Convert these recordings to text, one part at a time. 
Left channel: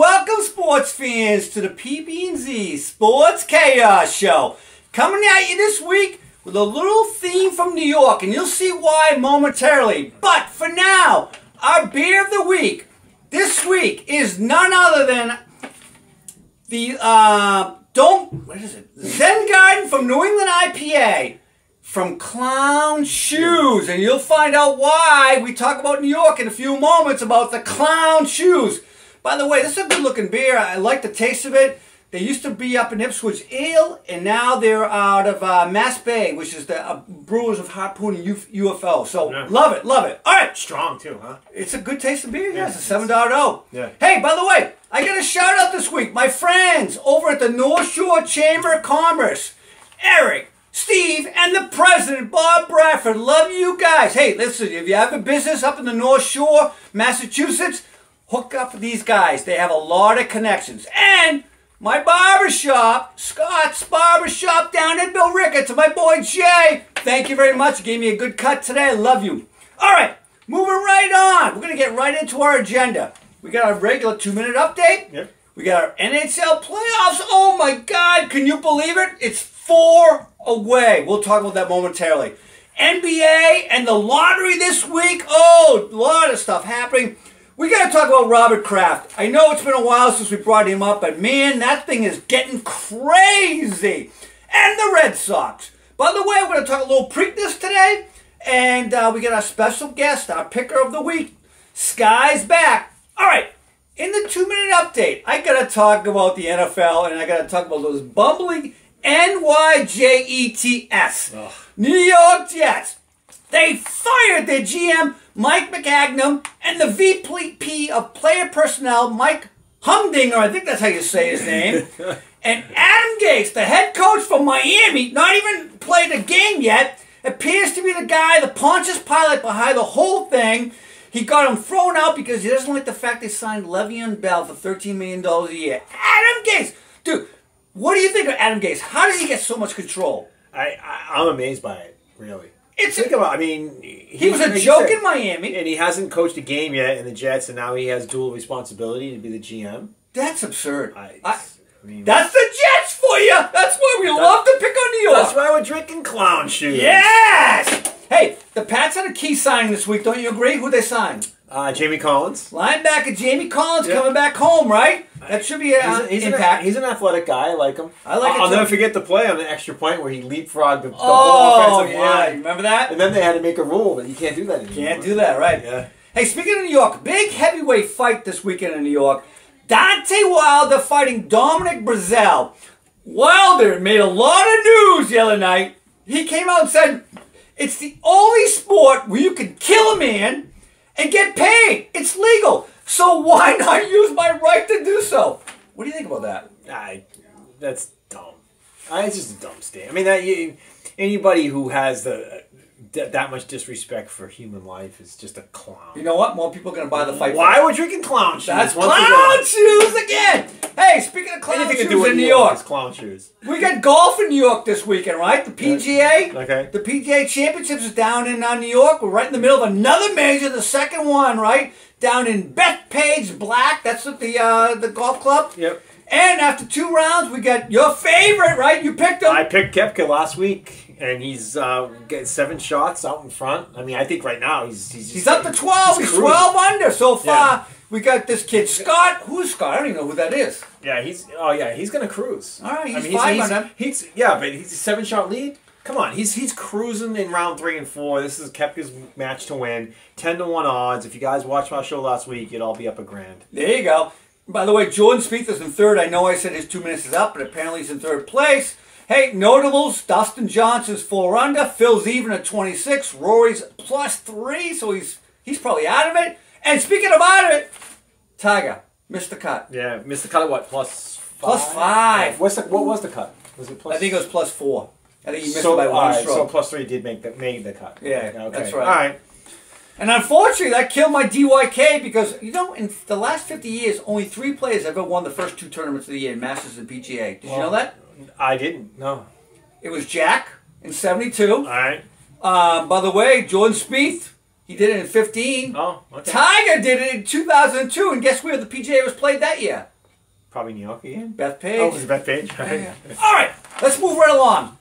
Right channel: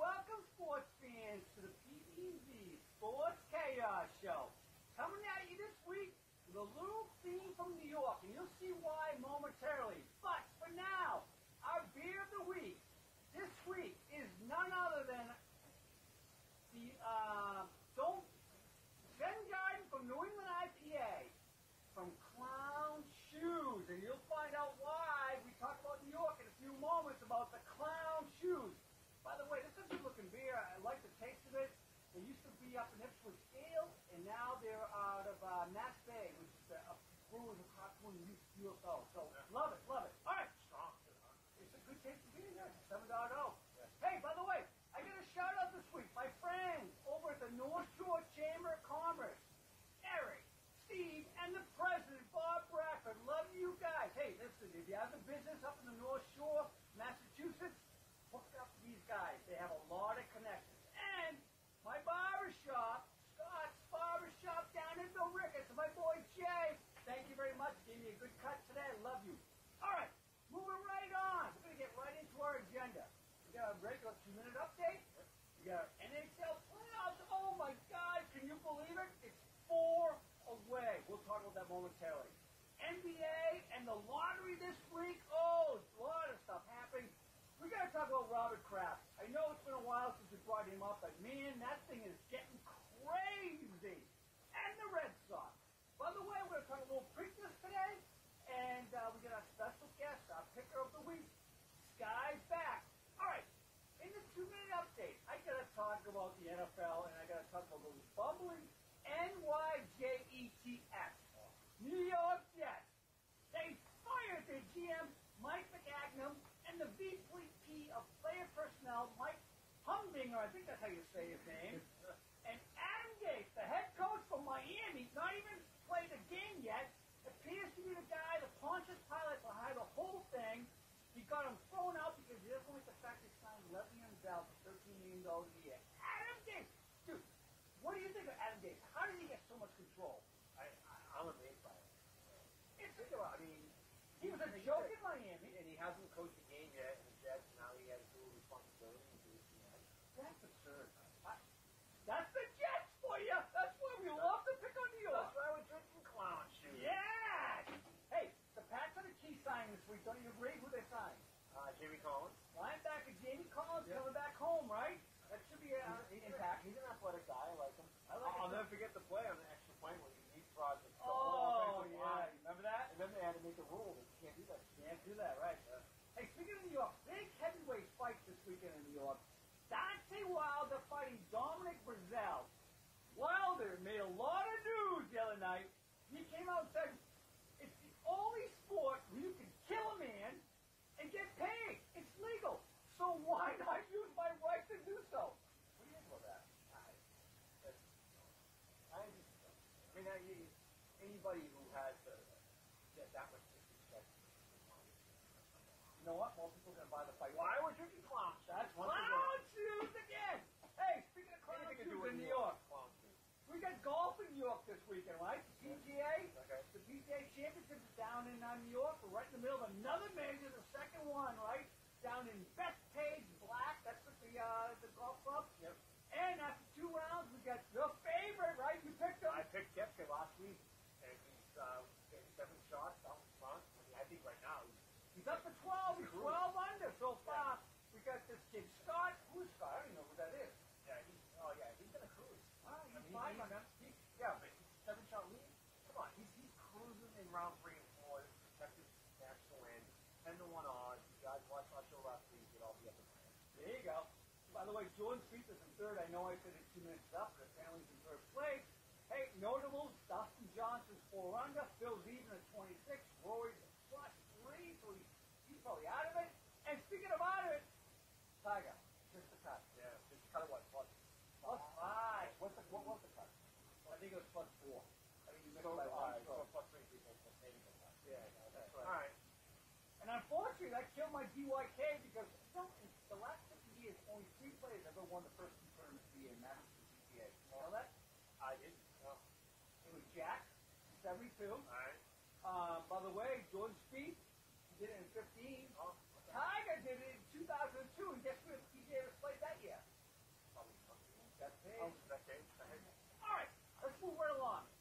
welcome sports fans to the PB&Z Sports Chaos Show. Coming at you this week with a little theme from New York, and you'll see why momentarily. But for now, our beer of the week this week is none other than the Zen Garden from New England IPA from Clown Shoes, and you'll find out why we talk about New York in a few moments about the Clown Shoes. By the way, this is a good-looking beer. I like the taste of it. They used to be up in Ipswich Ale, and now they're out of Mass Bay, which is the Brewers of Harpoon and UFO. So, yeah. Love it, love it. All right. Strong, too, huh? It's a good taste of beer, yes. It's a 7.0. Yeah. Hey, by the way, I got a shout-out this week. My friends over at the North Shore Chamber of Commerce, Eric, Steve, and the president, Bob Bradford. Love you guys. Hey, listen, if you have a business up in the North Shore, Massachusetts, hook up with these guys. They have a lot of connections. And my barbershop, Scott's Barbershop down in Bill Ricketts, and my boy Jay. Thank you very much. You gave me a good cut today. I love you. All right, moving right on. We're going to get right into our agenda. We got our regular 2-minute update. Yep. We got our NHL playoffs. Oh, my God. Can you believe it? It's 4 away. We'll talk about that momentarily. NBA and the lottery this week. Oh, a lot of stuff happening. We got to talk about Robert Kraft. I know it's been a while since we brought him up, but man, that thing is getting crazy. And the Red Sox. By the way, we're going to talk a little Preakness today, and we got our special guest, our picker of the week. Skye's back. All right, in the 2-minute update, I got to talk about the NFL, and I got to talk about those bumbling NYJETS. Ugh. New York Jets. They fired their GM, Mike McAgnum, and the VP of Player Personnel, Mike Humdinger, I think that's how you say his name. And Adam Gase, the head coach from Miami, not even played a game yet, appears to be the guy, the Pontius Pilate behind the whole thing. He got him thrown out because he doesn't like the fact they signed Le'Veon Bell for $13 million a year. Adam Gase! Dude, what do you think of Adam Gase? How does he get so much control? I'm amazed by it, really. Think about, I mean, he was a joke in Miami. And he hasn't coached a game yet in the Jets, and now he has dual responsibility to be the GM. That's absurd. I mean, that's the Jets for you. That's why we love to pick on New York. That's why we're drinking Clown Shoes. Yes! Hey, the Pats had a key signing this week. Don't you agree? Who they signed? Jamie Collins. Linebacker Jamie Collins coming back home, right? That should be an impact. He's an athletic guy. I like him. I like it. I'll never forget the play on the extra point where he leapfrogged the whole offensive line. Remember that? And then they had to make a rule that you can't do that anymore. Can't do that, right? Yeah. Hey, speaking of New York, big heavyweight fight this weekend in New York. Deontay Wilder fighting Dominic Breazeale. Wilder made a lot of news the other night. He came out and said, it's the only sport where you can kill a man and get paid. It's legal. So why not use my right to do so? What do you think about that? That's dumb. It's just a dumb statement. I mean, anybody who has that much disrespect for human life is just a clown. You know what? More people are going to buy the fight. Why are we drinking Clown Shoes? That's Clown Shoes again. Hey, speaking of Clown Shoes in New York. Clown Shoes. We got golf in New York this weekend, right? The PGA. Okay. The PGA Championships is down in New York. We're right in the middle of another major, the second one, right? Down in Bethpage Black. That's at the golf club. Yep. And after 2 rounds, we got your favorite, right? You picked him. I picked Koepka last week, and he's getting 7 shots out in front. I mean, I think right now he's up to 12. He's 12 under so far. Yeah. We got this kid Scott. Who's Scott? I don't even know who that is. Yeah, he's gonna cruise. All right, he's 5 under. But he's a 7-shot lead. Come on, he's cruising in round 3 and 4. This is Koepka's match to win. 10-1 odds. If you guys watched my show last week, you'd all be up $1,000. There you go. By the way, Jordan Spieth is in 3rd. I know I said his 2 minutes is up, but apparently he's in 3rd place. Hey, notables, Dustin Johnson's 4 under. Phil's even at 26. Rory's +3, so he's probably out of it. And speaking of out of it, Tiger missed the cut. Yeah, missed the cut at what? +5? +5. What was the cut? Was it I think it was +4. I think he missed it by 1 stroke. So +3 did make the cut. Yeah, okay. That's right. All right. And unfortunately, that killed my DYK because, you know, in the last 50 years, only 3 players ever won the first 2 tournaments of the year, Masters and PGA. Did you know that? I didn't, no. It was Jack in '72. All right. By the way, Jordan Spieth, He did it in 15. Oh, okay. Tiger did it in 2002, and guess where the PGA was played that year? Probably New York again. Bethpage. Oh, it was Bethpage. Right. Yeah. All right, let's move right along.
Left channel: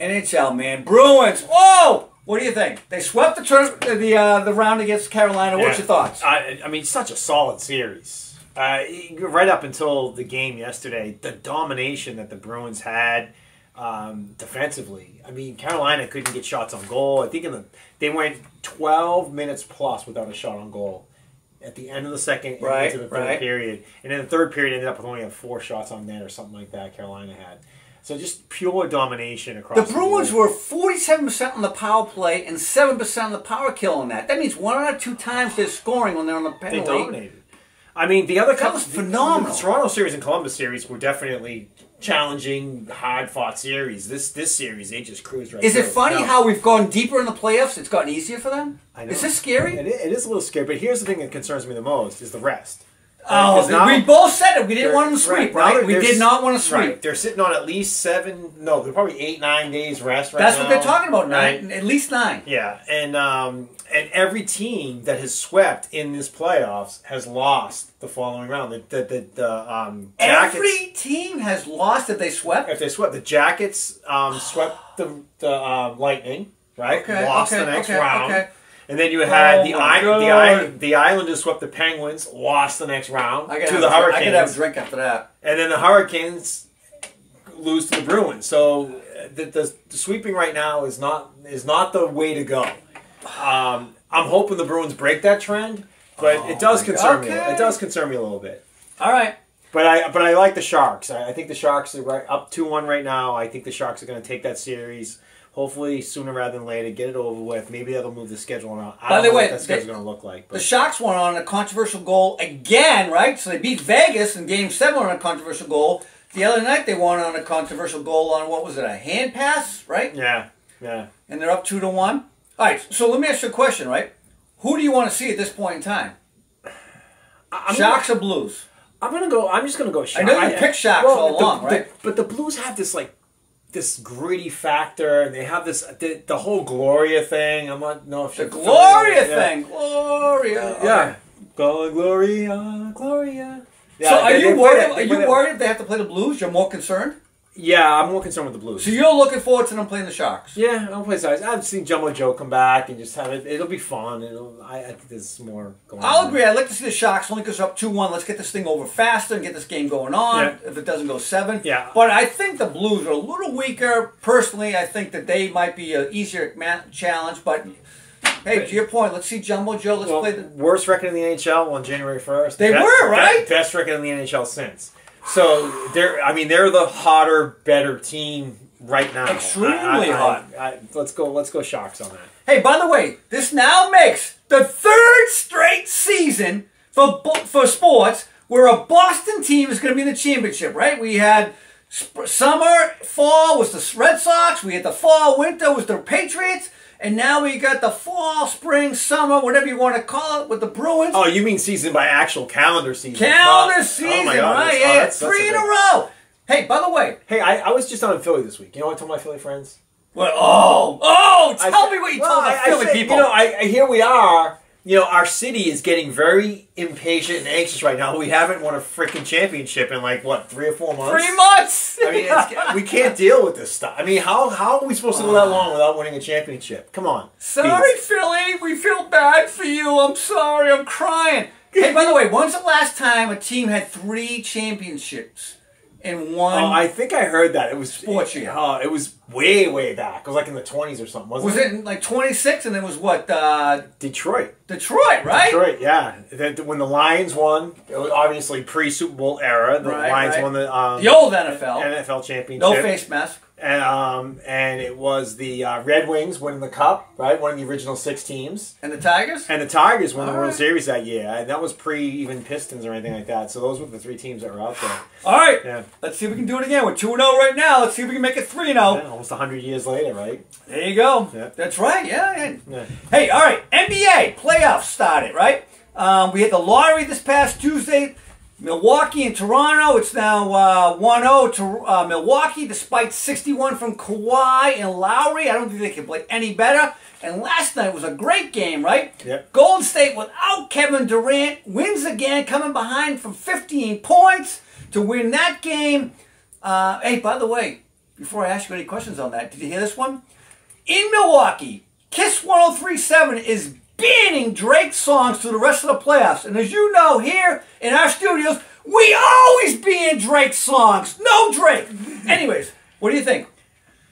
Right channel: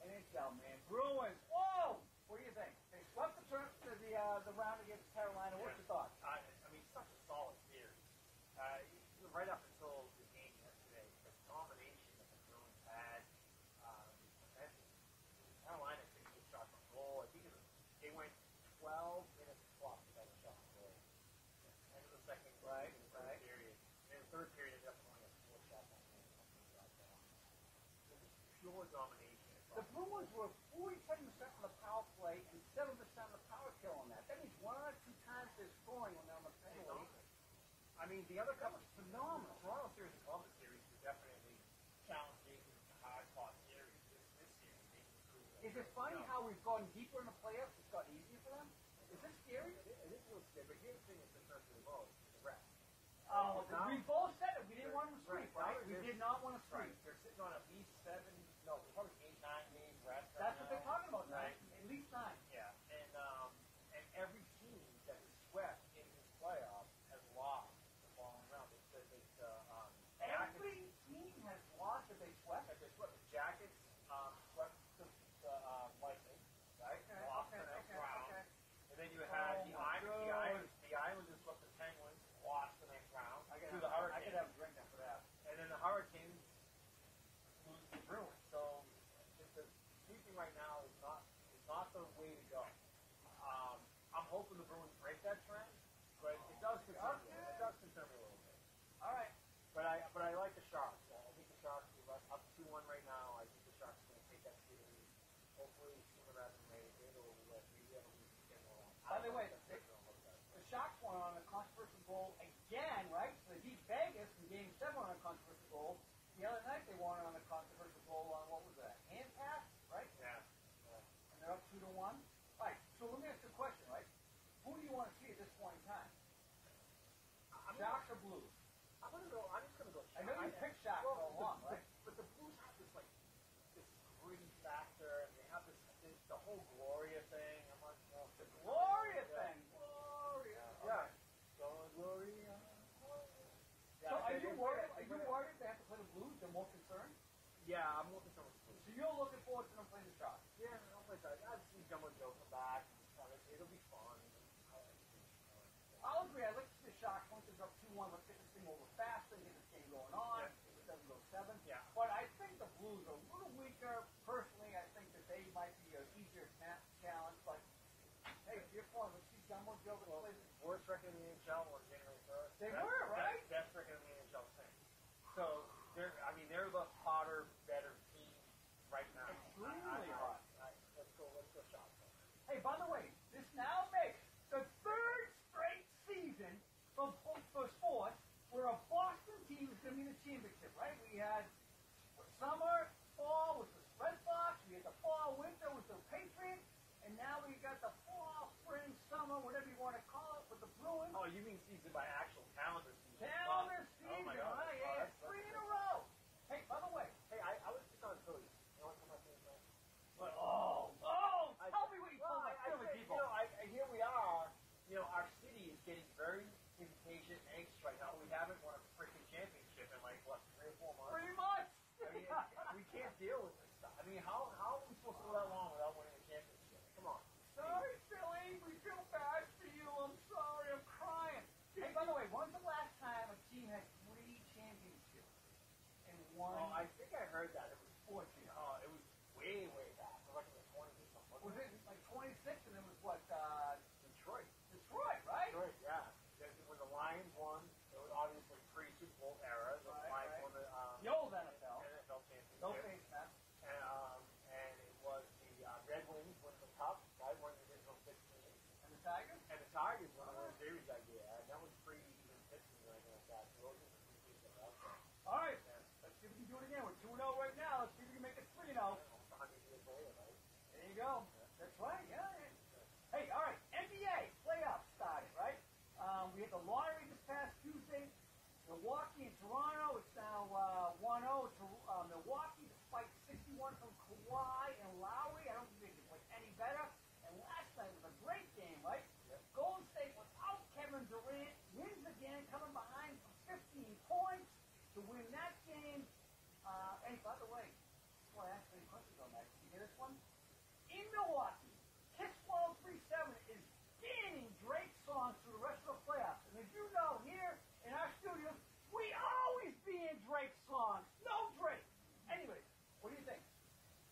NHL, man. Bruins. Whoa! What do you think? They swept the round against Carolina. What's your thoughts? I mean, such a solid series. Right up until the game yesterday, the domination that the Bruins had defensively. I mean, Carolina couldn't get shots on goal. I think they went 12 minutes plus without a shot on goal at the end of the second into the third period. And in the third period, ended up with only 4 shots on net or something like that Carolina had. So just pure domination across the Bruins were 47% on the power play and 7% on the power kill on that. That means 1 out of 2 times they're scoring when they're on the penalty. They dominated. I mean, the other that was phenomenal. The Toronto series and Columbus series were definitely challenging, hard-fought series. This series, they just cruised right through. Is it funny how we've gone deeper in the playoffs? It's gotten easier for them? I know. Is this scary? It is a little scary, but here's the thing that concerns me the most, is the rest. Oh, now, we both said it. We didn't want them to sweep, right? We did not want to sweep. Right. They're sitting on at least 7, no, they're probably 8, 9 days rest right now. That's what they're talking about, right? 9, at least 9. Yeah, and every team that has swept in this playoffs has lost the following round. The Jackets, every team has lost if they swept? If they swept. The Jackets swept the Lightning, right? Okay, lost the next round. Okay. And then you had the Islanders swept the Penguins, lost the next round to the Hurricanes. I could have a drink after that. And then the Hurricanes lose to the Bruins. So the sweeping right now is not the way to go. I'm hoping the Bruins break that trend, but it does concern me. It does concern me a little bit. All right. But I like the Sharks. I think the Sharks are up 2-1 right now. I think the Sharks are going to take that series. Hopefully, sooner rather than later, get it over with. Maybe that'll move the schedule around. I don't know what that schedule's going to look like. But. The Sharks won on a controversial goal again, right? So they beat Vegas in Game 7 on a controversial goal. The other night, they won on a controversial goal on, what was it, a hand pass, right? Yeah. And they're up 2-1. All right, so let me ask you a question, right? Who do you want to see at this point in time? Sharks or Blues? I'm just going to go Sharks. I know you picked Sharks all along, right? But the Blues have this gritty factor, and they have the whole Gloria thing. I'm not know if the Gloria thing. Gloria. Yeah. Gloria. Yeah, so are you worried? Are you worried if they have to play the Blues? You're more concerned? Yeah, I'm more concerned with the Blues. So you're looking forward to them playing the Sharks? Yeah, I'll play size. I've seen Jumbo Joe come back and just have it. It'll be fun. I think there's more going on. I'll agree. I'd like to see the Sharks only because they're up 2-1. Let's get this thing over faster and get this game going on if it doesn't go 7. Yeah. But I think the Blues are a little weaker. Personally, I think that they might be an easier challenge. But, hey, to your point, let's see Jumbo Joe. Let's play the worst record in the NHL on January 1st. They were, right? Best record in the NHL since. So they're the hotter, better team right now. Extremely hot. Let's go Sharks on that. Hey, by the way, this now makes the 3rd straight season for sports where a Boston team is going to be in the championship. Right? We had summer, fall was the Red Sox. We had the fall, winter was the Patriots. And now we got the fall, spring, summer, whatever you want to call it, with the Bruins. Oh, you mean season by actual calendar season? Calendar season, oh my God, right? Yeah, 3 in a row. Hey, by the way. Hey, I was just down in Philly this week. You know what I told my Philly friends? What? Tell me what you told the Philly people. You know, here we are. You know, our city is getting very impatient and anxious right now. We haven't won a freaking championship in 3 or 4 months. 3 months! I mean, we can't deal with this stuff. I mean, how are we supposed to go that long without winning a championship? Come on. Sorry, Philly. We feel bad for you. I'm sorry. I'm crying. Hey, by the way, when's the last time a team had 3 championships in one? Oh, I think I heard that. It was sports year. It was way back. It was in the 20s or something, wasn't it? Was it 26 and it was what? Detroit. Detroit, right? Detroit, yeah. When the Lions won, it was obviously pre-Super Bowl era. The Lions won the old NFL championship. No face mask. And it was the Red Wings winning the Cup, right? One of the original 6 teams. And the Tigers? And the Tigers won the World Series that year. And that was pre-even Pistons or anything like that. So those were the 3 teams that were out there. All right. Yeah. Let's see if we can do it again. We're 2-0 right now. Let's see if we can make it 3-0. Yeah, almost 100 years later, right? There you go. Yeah. That's right. Yeah. Hey, all right. NBA playoffs started, right? We had the lottery this past Tuesday. Milwaukee and Toronto. It's now 1-0 to Milwaukee, despite 61 from Kawhi and Lowry. I don't think they can play any better. And last night was a great game, right? Yep. Golden State, without Kevin Durant, wins again, coming behind from 15 points to win that game. Hey, by the way, before I ask you any questions on that, did you hear this one? In Milwaukee, Kiss 103.7 is banning Drake songs through the rest of the playoffs. And as you know, here in our studios, we always ban Drake songs. No Drake. Anyways, what do you think?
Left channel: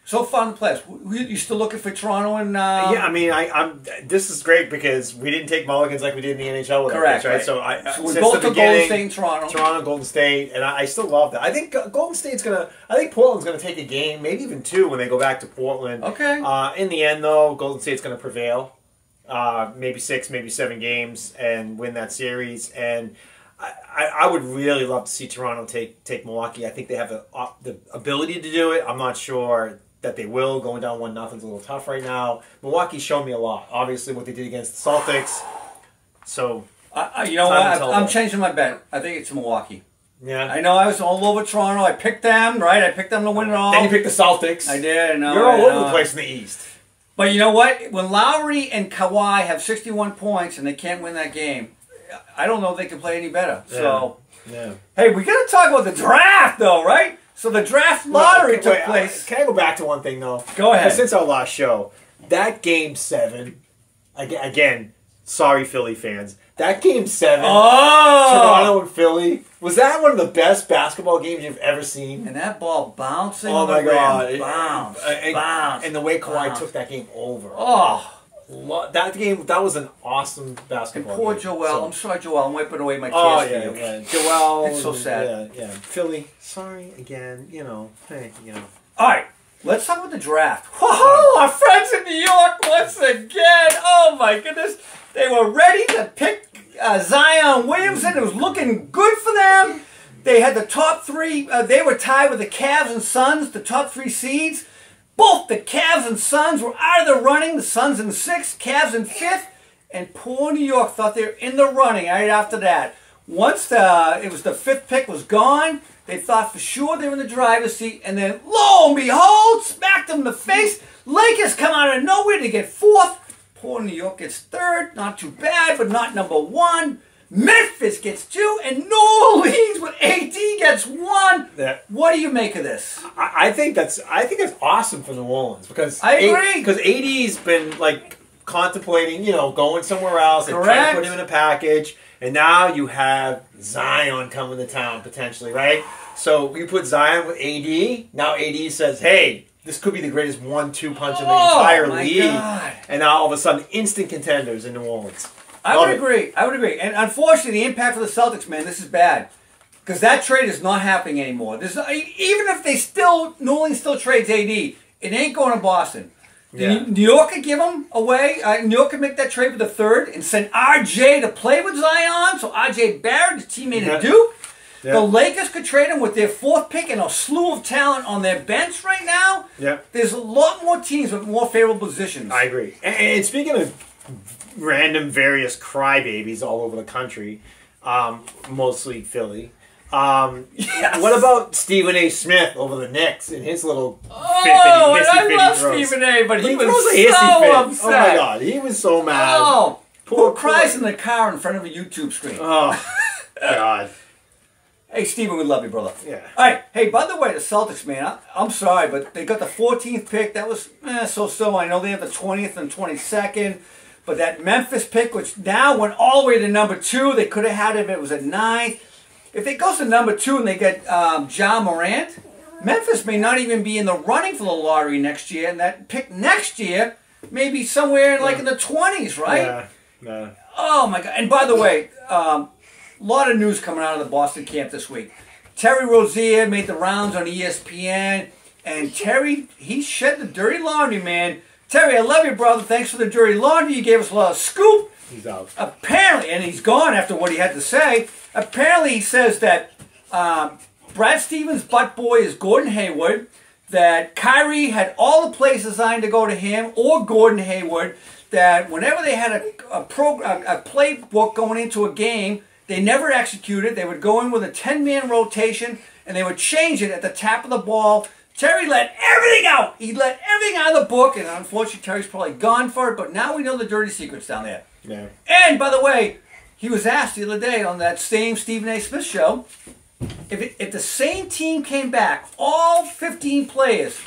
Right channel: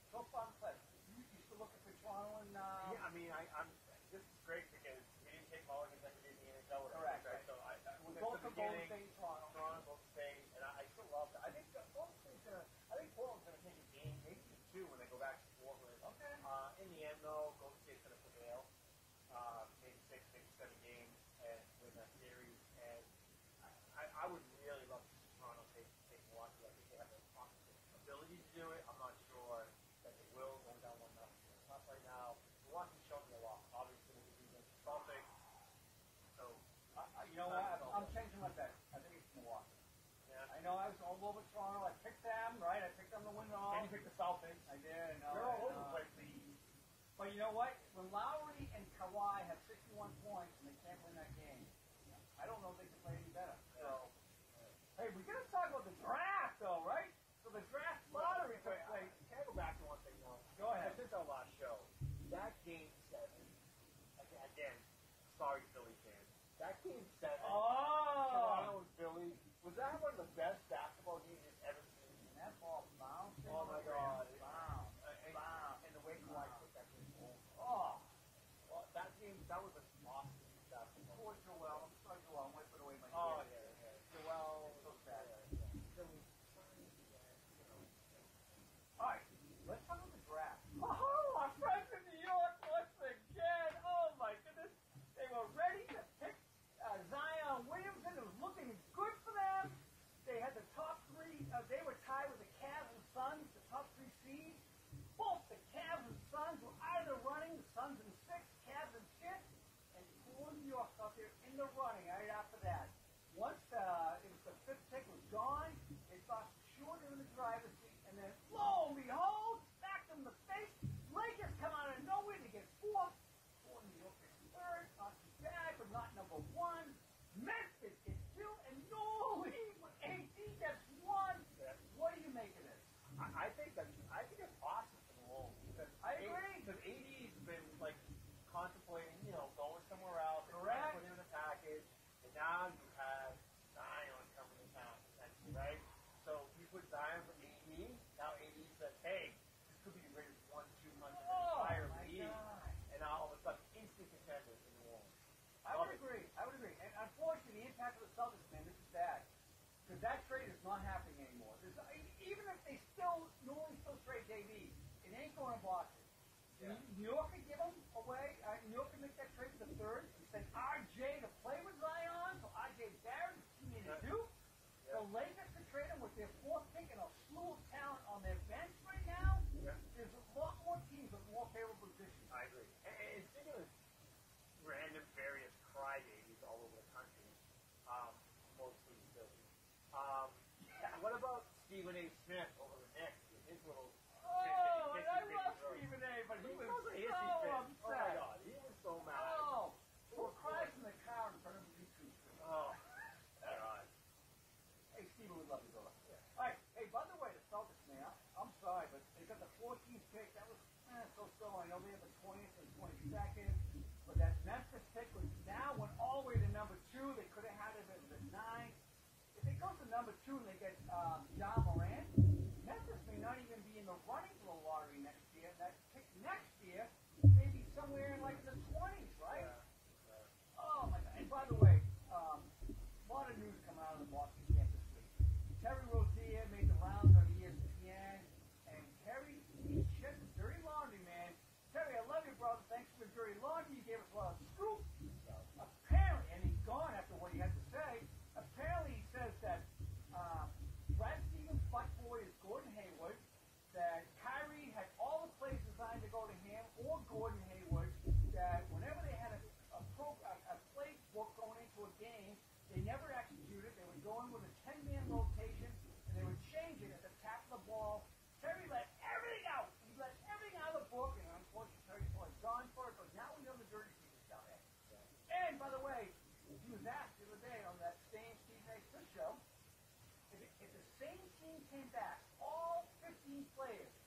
So far in the playoffs, you still looking for Toronto and? Yeah, I mean, I'm. This is great because we didn't take mulligans like we did in the NHL with correct, our picks, right? right? So we since both the took beginning, Golden State and Toronto. Toronto, Golden State, and I still love that. I think Golden State's gonna. I think Portland's gonna take a game, maybe even two, when they go back to Portland. Okay. In the end, though, Golden State's gonna prevail. Maybe 6, maybe 7 games and win that series. And I would really love to see Toronto take Milwaukee. I think they have the ability to do it. I'm not sure that they will. Going down 1-0 is a little tough right now. Milwaukee's shown me a lot. Obviously, what they did against the Celtics. So, you know what? I'm changing my bet. I think it's Milwaukee. Yeah. I know I was all over Toronto. I picked them, right? I picked them to win it all. Then you picked the Celtics. I did. I know. You're all over the place in the East. But you know what? When Lowry and Kawhi have 61 points and they can't win that game, I don't know if they can play any better. Yeah. So, yeah. Hey, we got to talk about the draft, though, right? So the draft lottery took place. Can I go back to one thing, though? Go ahead. Since our last show, that Game 7, again, sorry, Philly fans, that Game 7, Toronto and Philly, was that one of the best basketball games you've ever seen? And that ball bouncing. Oh, my God. Bounce. And the way Kawhi took that game over. Oh. That game, that was an awesome basketball game. And poor Joel. I'm sorry, Joel. I'm wiping away my tears for you. Yeah. Joel. It's so sad. Yeah. Philly, sorry again. Hey. All right. Let's talk about the draft. Whoa, our friends in New York once again. Oh, my goodness. They were ready to pick Zion Williamson. It was looking good for them. They had the top 3. They were tied with the Cavs and Suns, the top 3 seeds. Both the Cavs and Suns were out of the running. The Suns in 6th, Cavs in 5th. And poor New York thought they were in the running right after that. Once it was the 5th pick was gone, they thought for sure they were in the driver's seat. And then, lo and behold, smacked them in the face. Lakers come out of nowhere to get 4th. Poor New York gets 3rd. Not too bad, but not number 1. Memphis gets 2, and New Orleans with AD gets 1. Yeah. What do you make of this? I think that's awesome for New Orleans because I agree. Because AD's been contemplating, going somewhere else and Correct. trying to put him in a package, and now you have Zion coming to town potentially, right? So you put Zion with AD. Now AD says, "Hey, this could be the greatest 1-2 punch in the entire league," God. and now all of a sudden, instant contenders in New Orleans. I would agree. And unfortunately, the impact for the Celtics, man, this is bad. Because that trade is not happening anymore. Even if New Orleans still trades AD, it ain't going to Boston. Yeah. New York could give them away. New York could make that trade for the 3rd and send RJ to play with Zion. So RJ Barrett, his teammate at Duke. Yeah. The Lakers could trade him with their 4th pick and a slew of talent on their bench right now. Yeah. There's a lot more teams with more favorable positions. I agree. And speaking of random various crybabies all over the country, mostly Philly. Yes. What about Stephen A. Smith over the Knicks and his little I love Stephen A., but he was so upset. Oh my God, he was so mad. Oh, poor cries in the car in front of a YouTube screen. Oh, God. Hey, Stephen, we love you, brother. Yeah. All right. Hey, by the way, the Celtics, man, I'm sorry, but they got the 14th pick. That was so-so. I know they have the 20th and 22nd. But that Memphis pick, which now went all the way to number 2, they could have had it if it was at 9th. If it goes to number 2 and they get Ja Morant, Memphis may not even be in the running for the lottery next year. And that pick next year may be somewhere in the 20s, right? Yeah. Oh, my God. And by the way, a lot of news coming out of the Boston camp this week. Terry Rozier made the rounds on ESPN. And Terry, he shed the dirty laundry, man. Terry, I love you, brother. Thanks for the dirty laundry. You gave us a lot of scoop. He's out. Apparently, and he's gone after what he had to say. Apparently, he says that Brad Stevens' butt boy is Gordon Hayward, that Kyrie had all the plays designed to go to him or Gordon Hayward, that whenever they had a playbook going into a game, they never executed. They would go in with a 10-man rotation, and they would change it at the tap of the ball Terry let everything out. He let everything out of the book, and unfortunately, Terry's probably gone for it. But now we know the dirty secrets down there. Yeah. And by the way, he was asked the other day on that same Stephen A. Smith show, if the same team came back, all 15 players,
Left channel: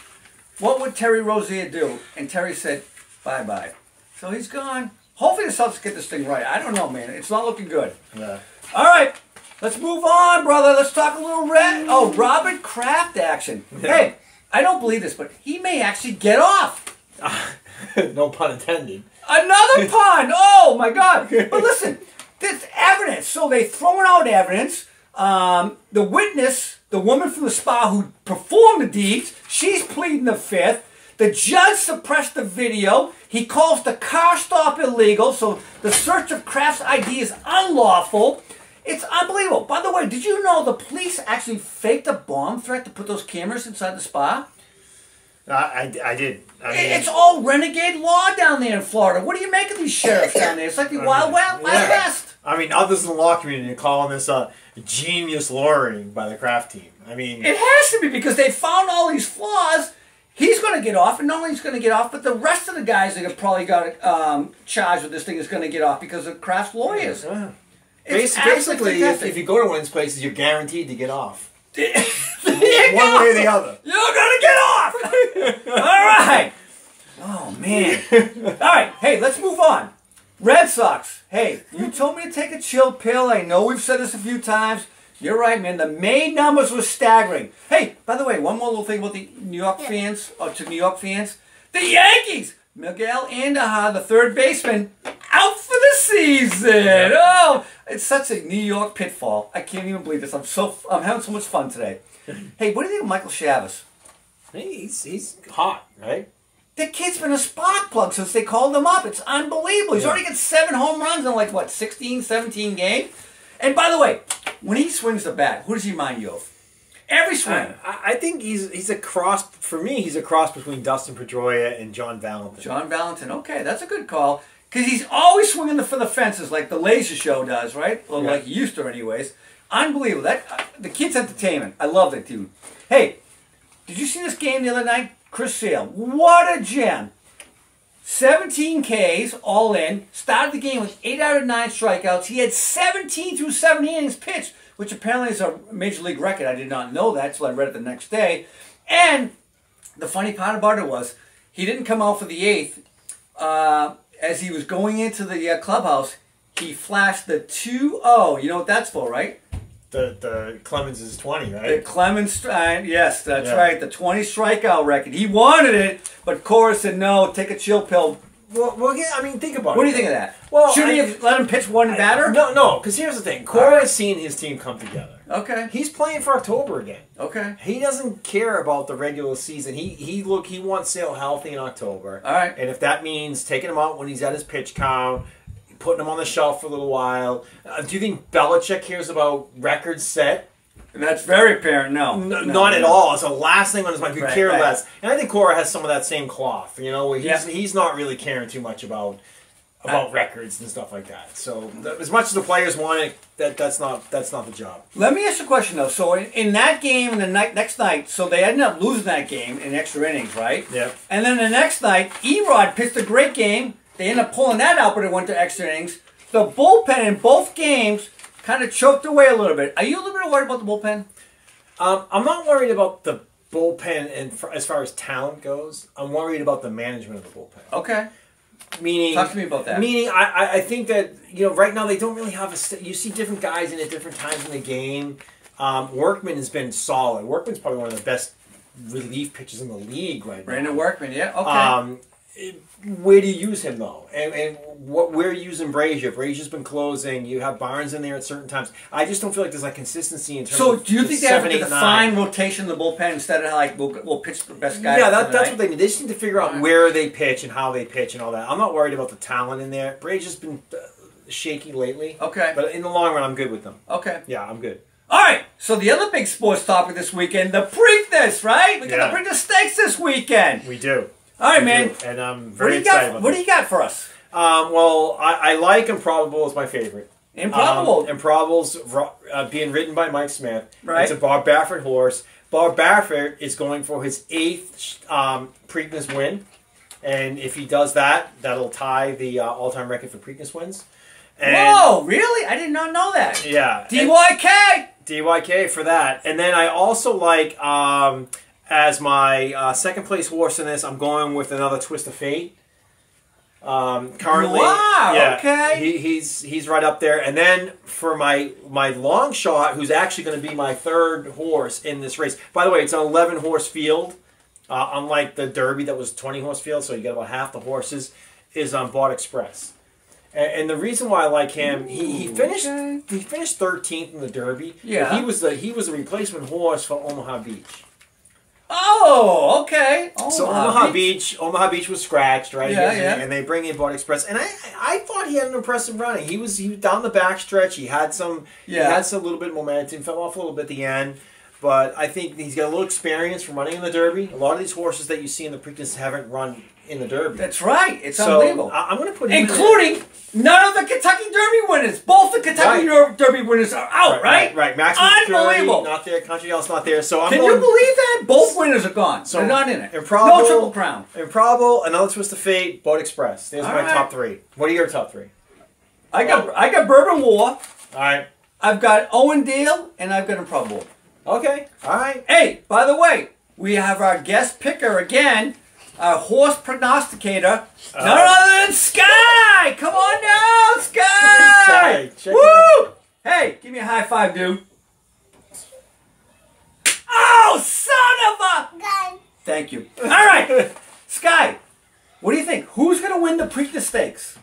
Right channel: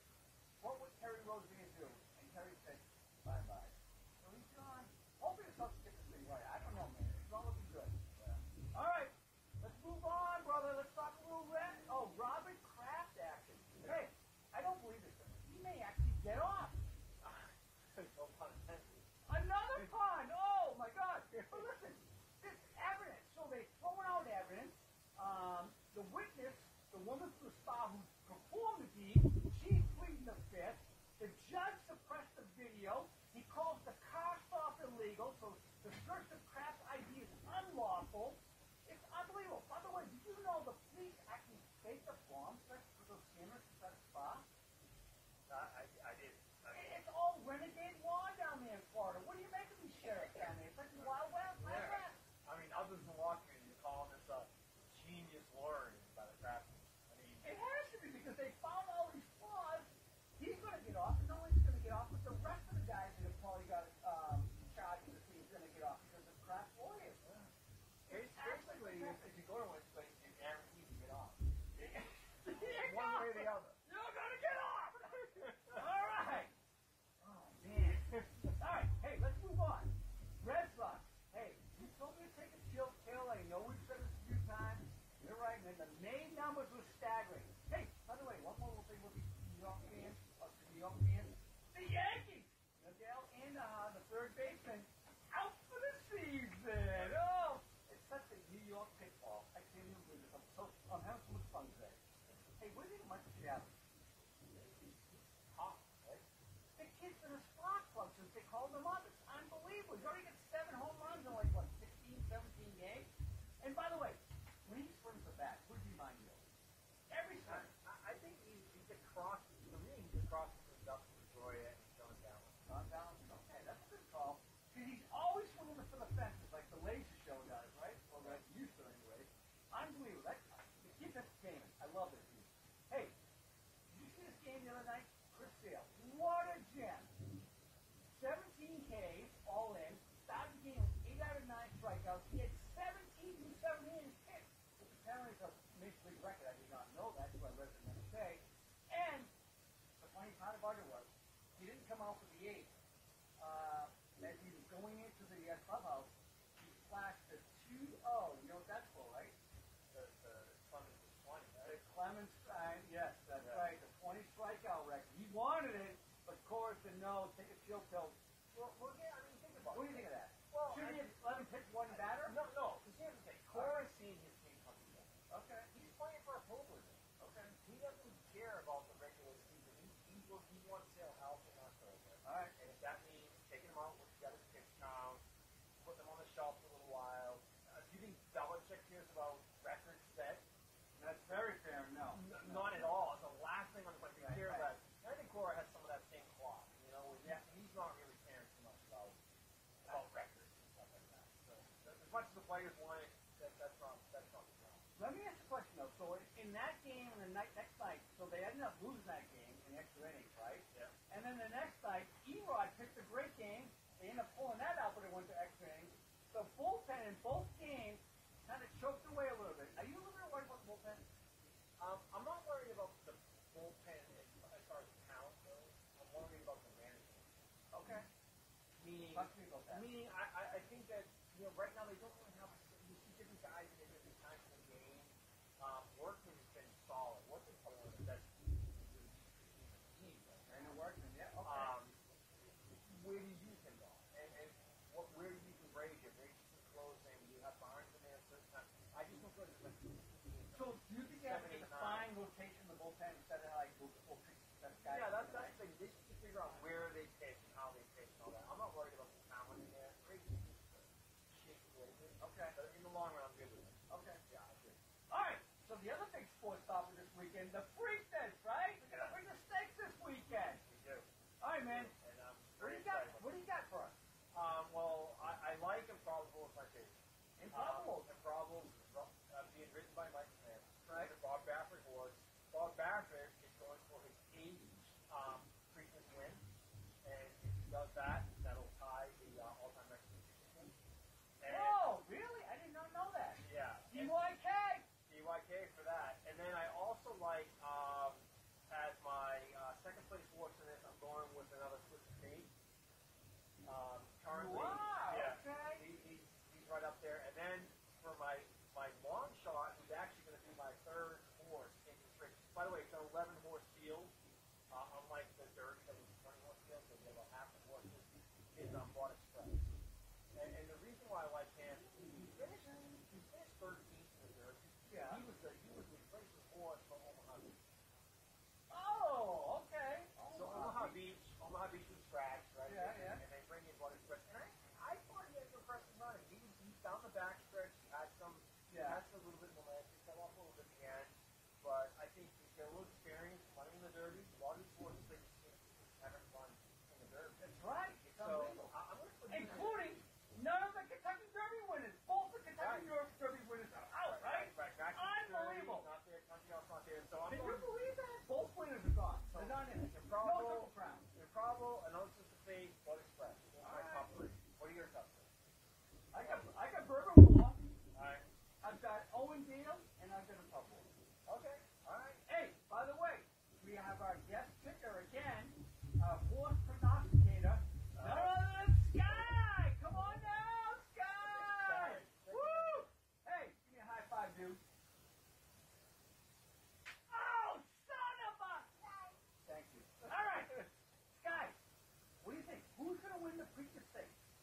what would Terry Rozier do? And Terry said, bye-bye. So he's gone. Hopefully the Celtics get this thing right. I don't know, man. It's not looking good. Yeah. All right. Let's move on, brother. Let's talk a little Robert Kraft action. Hey, I don't believe this, but he may actually get off. No pun intended. Another pun. Oh, my God. But listen, there's evidence. So they've thrown out evidence. The witness, the woman from the spa who performed the deeds, she's pleading the fifth. The judge suppressed the video. He calls the car stop illegal, so the search of Kraft's ID is unlawful. It's unbelievable. By the way, did you know the police actually faked a bomb threat to put those cameras inside the spa? I did. I mean, It's all renegade law down there in Florida. What do you make of these sheriffs down there? It's like the Wild West. I mean, others in the law community are calling this genius lawyering by the Kraft team. I mean, It has to be because they found all these flaws. He's going to get off, and not only he's going to get off, but the rest of the guys that have probably got charged with this thing is going to get off because of Kraft's lawyers. yeah. It's Basically, fantastic. if you go to one of these places, you're guaranteed to get off. There you One go. way or the other. You're gonna get off. All right. Oh man. All right. Hey, let's move on. Red Sox. Hey, you told me to take a chill pill. I know we've said this a few times. You're right, man. The May numbers were staggering. Hey, by the way, one more little thing about the New York fans, or to New York fans. The Yankees. Miguel Andujar, the third baseman, out for the season. Oh, it's such a New York pitfall. I can't even believe this. I'm having so much fun today. Hey, what do you think of Michael Chavez? He's hot, right? The kid's been a spark plug since they called him up. It's unbelievable. He's already got 7 home runs in like, what, 16, 17 games? And by the way, when he swings the bat, who does he remind you of? Every swing. I think he's a cross, for me, he's a cross between Dustin Pedroia and John Valentin. John Valentin. Okay, that's a good call. Because he's always swinging for the fences like the Laser Show does, right? Or like he used to anyways. Unbelievable. The kid's entertainment. I love that dude. Hey, did you see this game the other night? Chris Sale. What a gem. 17 Ks all in. Started the game with 8 out of 9 strikeouts. He had 17 through 7 innings pitched, which apparently is a major league record. I did not know that, so I read it the next day. And the funny part about it was he didn't come out for the 8th. As he was going into the clubhouse, he flashed the 2-0. You know what that's for, right? The Clemens is 20, right? The Clemens, yes, that's right. The 20 strikeout record. He wanted it, but Cora said, no, take a chill pill. Well, yeah, I mean, think about it. What do you think of that? Well, Should he have let him pitch one batter? No, because here's the thing. Cora has seen his team come together. Okay. He's playing for October again. Okay. He doesn't care about the regular season. He wants Sale healthy in October. All right. And if that means taking him out when he's at his pitch count, putting him on the shelf for a little while. Do you think Belichick cares about records set? That's very apparent. No, Not at all. It's the last thing on his mind. He could care right. less. And I think Cora has some of that same cloth. You know, Yeah. he's not really caring too much about records and stuff like that. So as much as the players want it, that's not the job. Let me ask you a question though. So in that game and the next night, so they ended up losing that game in extra innings, right? Yeah. And then the next night, Erod pitched a great game. They ended up pulling that out, but it went to extra innings. The bullpen in both games kind of choked away a little bit. Are you a little bit worried about the bullpen? I'm not worried about the bullpen and as far as talent goes. I'm worried about the management of the bullpen. Okay. Meaning, talk to me about that. Meaning, I think that right now they don't really have you see different guys in at different times in the game. Workman has been solid. Workman's probably one of the best relief pitchers in the league right now. Brandon Workman, yeah, okay. Where do you use him though? And where are you using Brazier? Brazier's been closing. You have Barnes in there at certain times. I just don't feel like there's like consistency in terms. So of do you think they have 7, to 8, define 9. rotation in the bullpen instead of like we'll pitch the best guy? Yeah, that's what they need. They just need to figure out where they pitch and how they pitch and all that. I'm not worried about the talent in there. Brazier's been shaky lately. Okay. But in the long run, I'm good with them. Okay. Yeah, I'm good. All right. So the other big sports topic this weekend, the Preakness, right? We got the Preakness Stakes this weekend. We do. All right, man. And I'm very excited about What do you got for us? Well, I like Improbable as my favorite. Improbable. Improbable's being ridden by Mike Smith. Right. It's a Bob Baffert horse. Bob Baffert is going for his 8th Preakness win. And if he does that, that'll tie the all-time record for Preakness wins. And whoa, really? I did not know that. yeah. DYK! DYK for that. And then I also like, as my second place horse in this, I'm going with another Twist of Fate. Currently, wow, yeah, okay. He's right up there. And then for my long shot, who's actually going to be my 3rd horse in this race. By the way, it's an 11 horse field, unlike the Derby that was 20 horse field. So you get about half the horses. Is on Bought Express. And the reason why I like him, he finished 13th in the Derby. Yeah, he was a replacement horse for Omaha Beach. Oh, okay. So Omaha Beach was scratched, right? Yeah, yeah. And they bring in Bought Express, and I thought he had an impressive running. He was down the back stretch. He had some little bit of momentum. Fell off a little bit at the end, but I think he's got a little experience from running in the Derby. A lot of these horses that you see in the Preakness haven't run in the Derby. That's right. It's unbelievable. I'm going to put him including none of the Kentucky Derby winners. Both the Kentucky Derby winners are out, right? Right. Max Unbelievable. not there. Country House not there. So Can you believe that? Both winners are gone. So they're not in it. Improbable, no Triple Crown. Improbable, another Twist of Fate, Boat Express. There's my top 3. What are your top 3? I got Bourbon War. All right. I've got Owen Deal, and I've got Improbable. Okay. All right. Hey, by the way, we have our guest picker again. Our horse prognosticator, none other than Skye! Come on now, Skye! Check Woo! it out. Hey, give me a high five, dude. Oh, son of a... Gun. Thank you. All right, Skye, what do you think? Who's going to win the Preakness Stakes?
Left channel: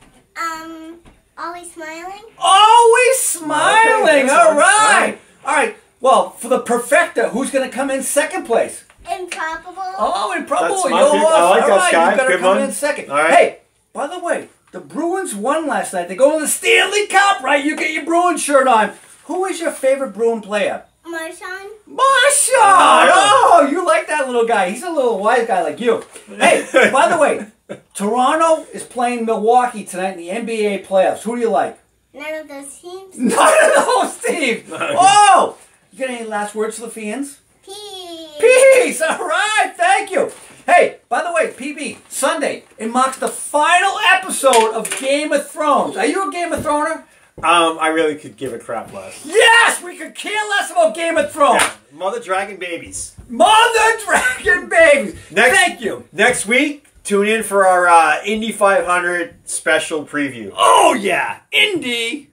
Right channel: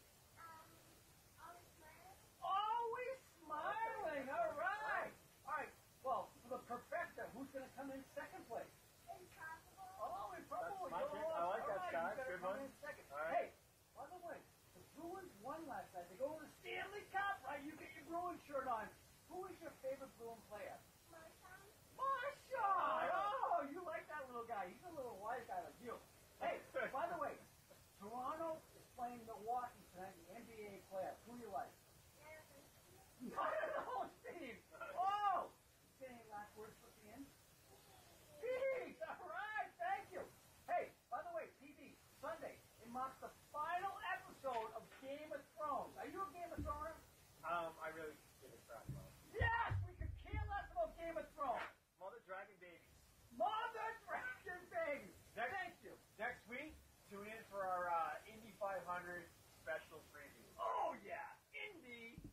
Always smiling. Always smiling. Okay, All right. All right. Well, for the perfecta, who's going to come in second place? Improbable. Oh, Improbable. That's my Your pick. horse. I like All that, right, Skye. you got to Good come one. in second. All right. Hey, by the way, the Bruins won last night. They go to the Stanley Cup, right? You get your Bruins shirt on. Who is your favorite Bruin player? Marshawn. Marshawn! Oh, you like that little guy. He's a little wise guy like you. Hey, by the way, Toronto is playing Milwaukee tonight in the NBA playoffs. Who do you like? None of those teams. None of those teams. Oh! You got any last words for the fans? Peace. Peace! All right, thank you. Hey, by the way, PB, Sunday, it marks the final episode of Game of Thrones. Are you a Game of Throner? I really could give a crap less. Yes, we could care less about Game of Thrones. Yeah. Mother Dragon Babies. Mother Dragon Babies. Thank you. Next week, tune in for our Indy 500 special preview. Oh, yeah. Indy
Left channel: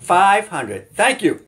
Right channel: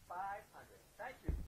500. Thank you.